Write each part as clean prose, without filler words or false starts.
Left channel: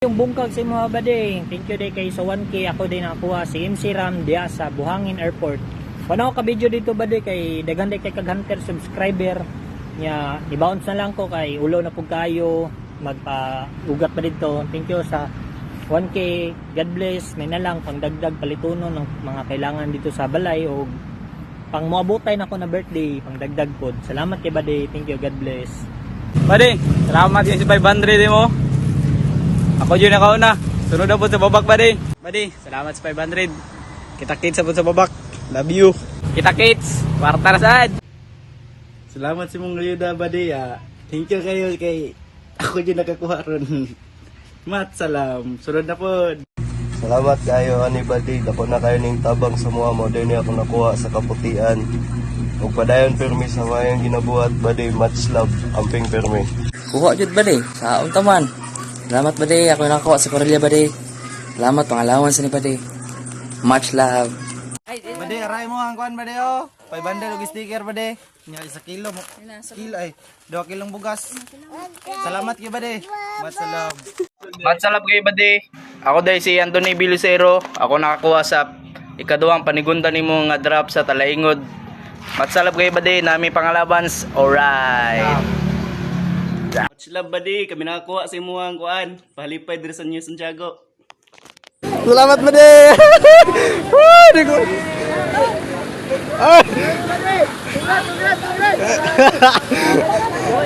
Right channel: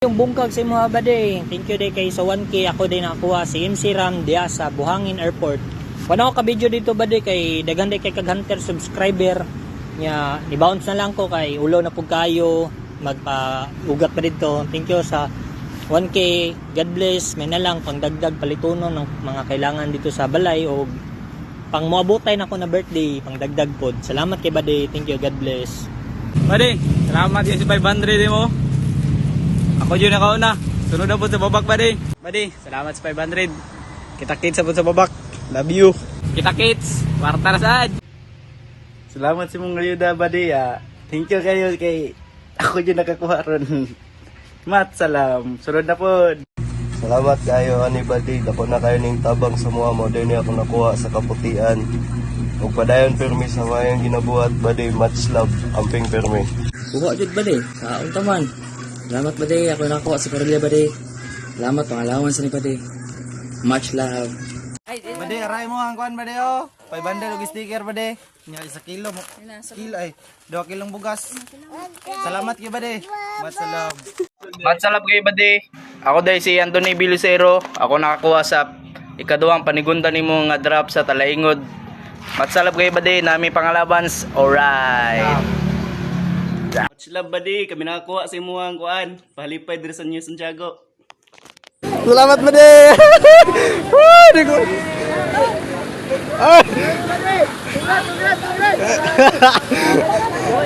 Yung bungkag sa mga bade, thank you day kay sa 1K ako din nakakuha si MC Ram dia sa Buhangin Airport. Wala ako ka-video dito bade kay daghan day kay kag-hunter subscriber nya ni-bounce na lang ko kay ulo na pug kayo magpa-ugat pa dito. Thank you sa 1K. God bless. May na lang pangdagdag palituno ng mga kailangan dito sa balay o pang moabotay na ko na birthday, pangdagdag pod. Salamat kay bade. Thank you. God bless. Bade, salamat kasi 500 mo. Ako dyan nakauna. Sunod na po sa babak, bade. Bade, salamat sa 500. Kita-kits po sa babak. Love you. Kita-kits. Kwarta na saan. Salamat sa mong ayuda, bade. Thank you kayo kay ako dyan nakakuha ron. Mat, salam. Sunod na po. Salamat kayo ani badi, dako na kayo ning tabang sa mga modern niya akong nakuha sa kaputian. Ug padayon permi sa mayang ginabuhat badi, much love, amping permi. Kuha jud bade sa untaman. Salamat bade, ako nakuha sa Corella bade. Salamat pangalawan sa ni bade. Much love. Bade, aray mo ang kuan bade oh. 500 og sticker bade. Nya isa kilo mo. Kilo ay 2 kilong bugas. Salamat kay bade. Much love. Matsalap kayo, bade. Ako dahil si Anthony Bilusero. Ako nakakuha sa ikaduhang panigunda ni mo nga drop sa Talaingod. Matsalap kayo, bade. Nami pangalabans. Alright. Much love bade, kami nakakuha sa imuhang kuan. Pahalipay diri sa New Santiago. Salamat bade.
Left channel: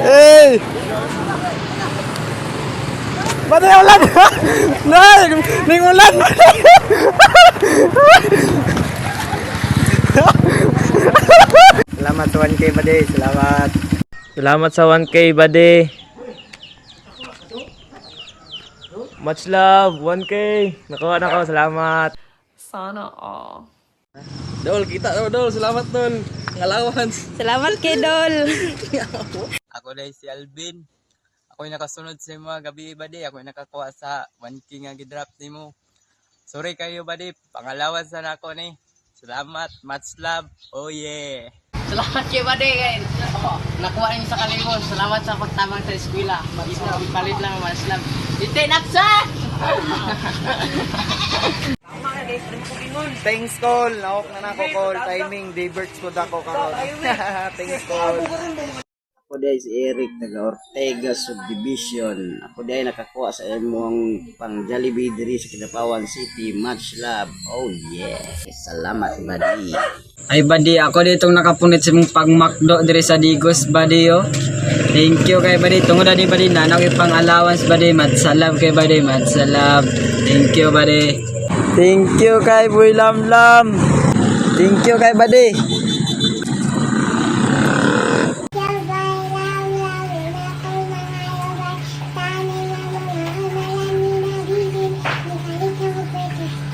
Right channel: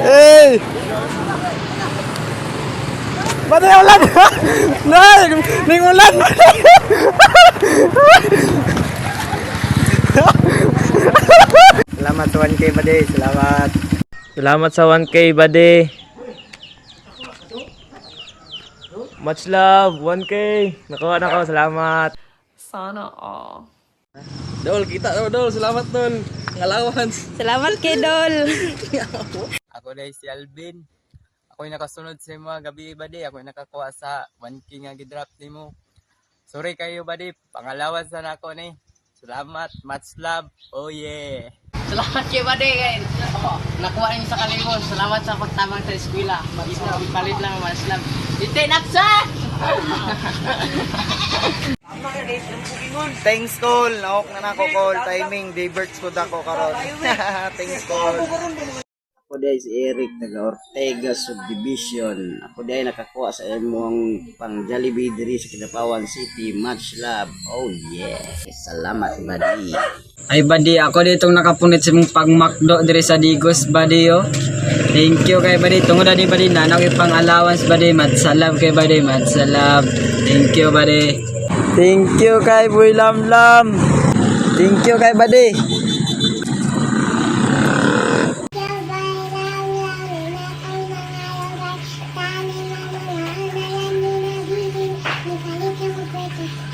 Hey! Bade ulan. Nay, ning ulan. Salamat sa 1K bade, salamat. Salamat sa 1K, bade. Much love, 1K. Nakuha na ko, salamat. Sana all. Dol, kita dol, salamat dol. Allowance. Salamat kay Dol. Ako dahil si Alvin. Ako yung nakasunod sa mga gabi, bade. Ako yung nakakuha sa 1K nga gidrap ni mo. Sorry kayo, bade. Pangalawan sa nako ni. Salamat, much love. Oh yeah. Salamat kay bade kay nakuha niyo sa kalimos. Salamat sa pagtabang sa eskwela. Palit lang much love. Dite naksa. Thanks call, naok na nako call, timing, diverts ko dako karon. Thanks call. Ako dahil si Eric taga Ortega Subdivision. Ako dahil nakakuha sa imong pang Jollibee diri sa Kidapawan City. Much love. Oh yeah. Salamat buddy. Ay badi, ako ditong nakapunit sa mong pag-McDo diri sa Digos badi yo. Thank you kay badi. Tungod na di badi nanaw pang allowance badi. Matsalab kay badi. Matsalab. Thank you badi. Thank you kay Boy Lamlam. Thank you kay buddy.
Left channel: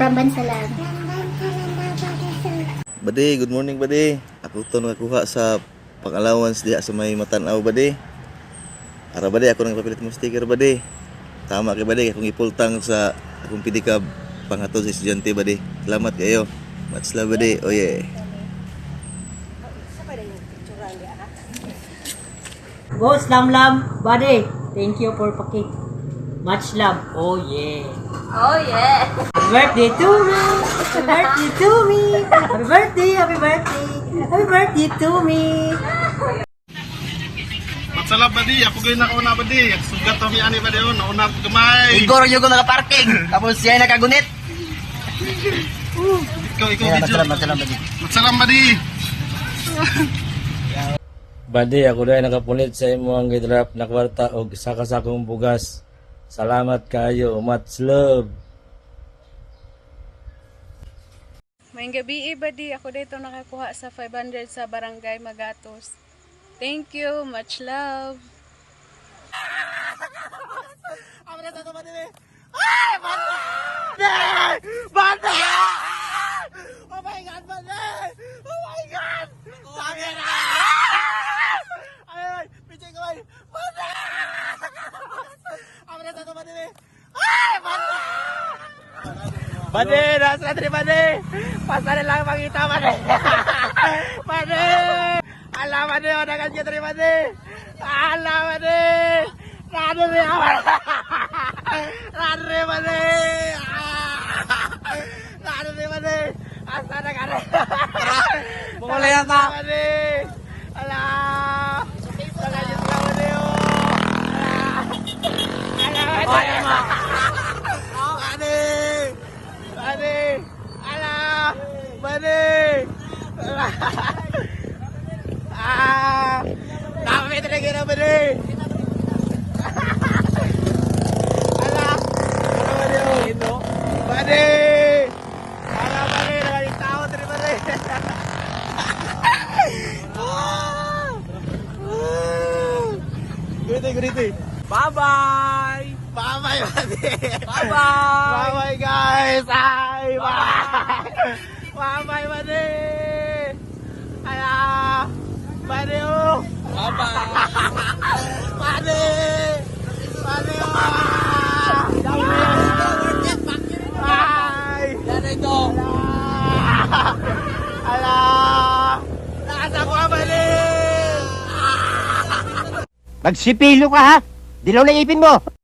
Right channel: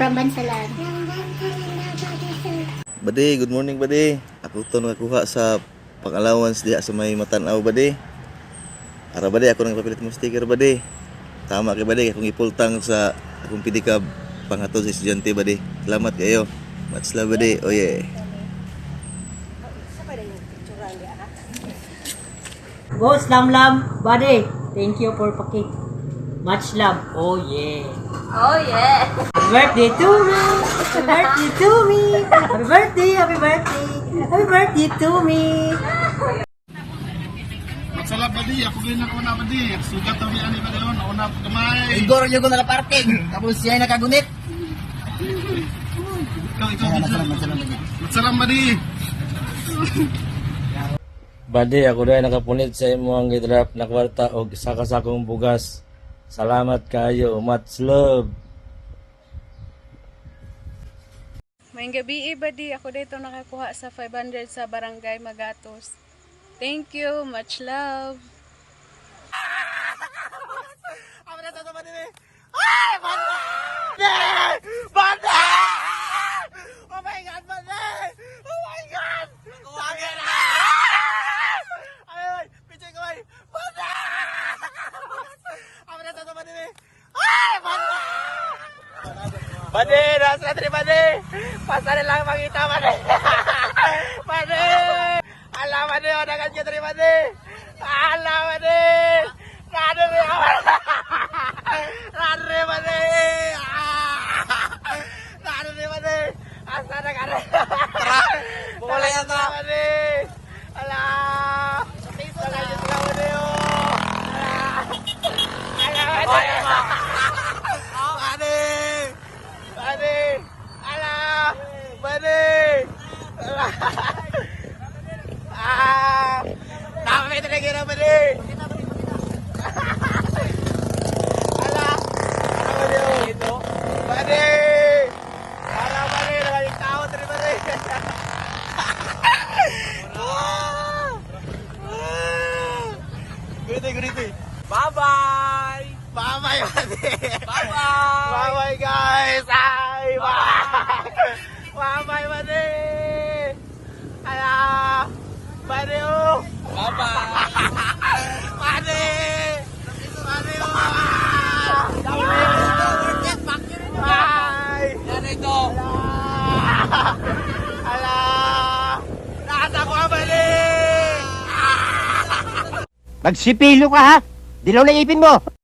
From Bansalan. Bade, good morning bade. Ako to nakakuha sa pang-allowance diha sa may Matanaw bade. Ara bade ako nang papilit mo sticker bade. Tama kay bade akong ipultang sa akong pedicab panghatod sa estudyante bade. Salamat kayo. Much love bade. Oh yeah. Boss Lam, buddy. Thank you for pakit. Much love. Oh yeah. Oh yeah. Happy birthday to me. Happy birthday to me. Happy birthday, happy birthday. Happy birthday to me. Matsalab badi, ako gay nakauna badi. Sugat kami ani badi on, nauna gamay. Igor yung naka-parking. Tapos siya ay nakagunit. Ikaw video. Matsalam badi. Bade, ako dahil nakapunit sa imo ang gidrap na kwarta o isa ka sa akong bugas. Salamat kayo. Much love. Mayang gabi badi, ako dito nakakuha sa 500 sa Barangay Magatos. Thank you, much love. Alam mo Bye-bye guys! Bye-bye! Bye-bye, buddy! Bye-bye! Buddy! Buddy! Yan ito! Nasa ko, buddy! Magsipilo ka ha! Dilaw na ipin mo!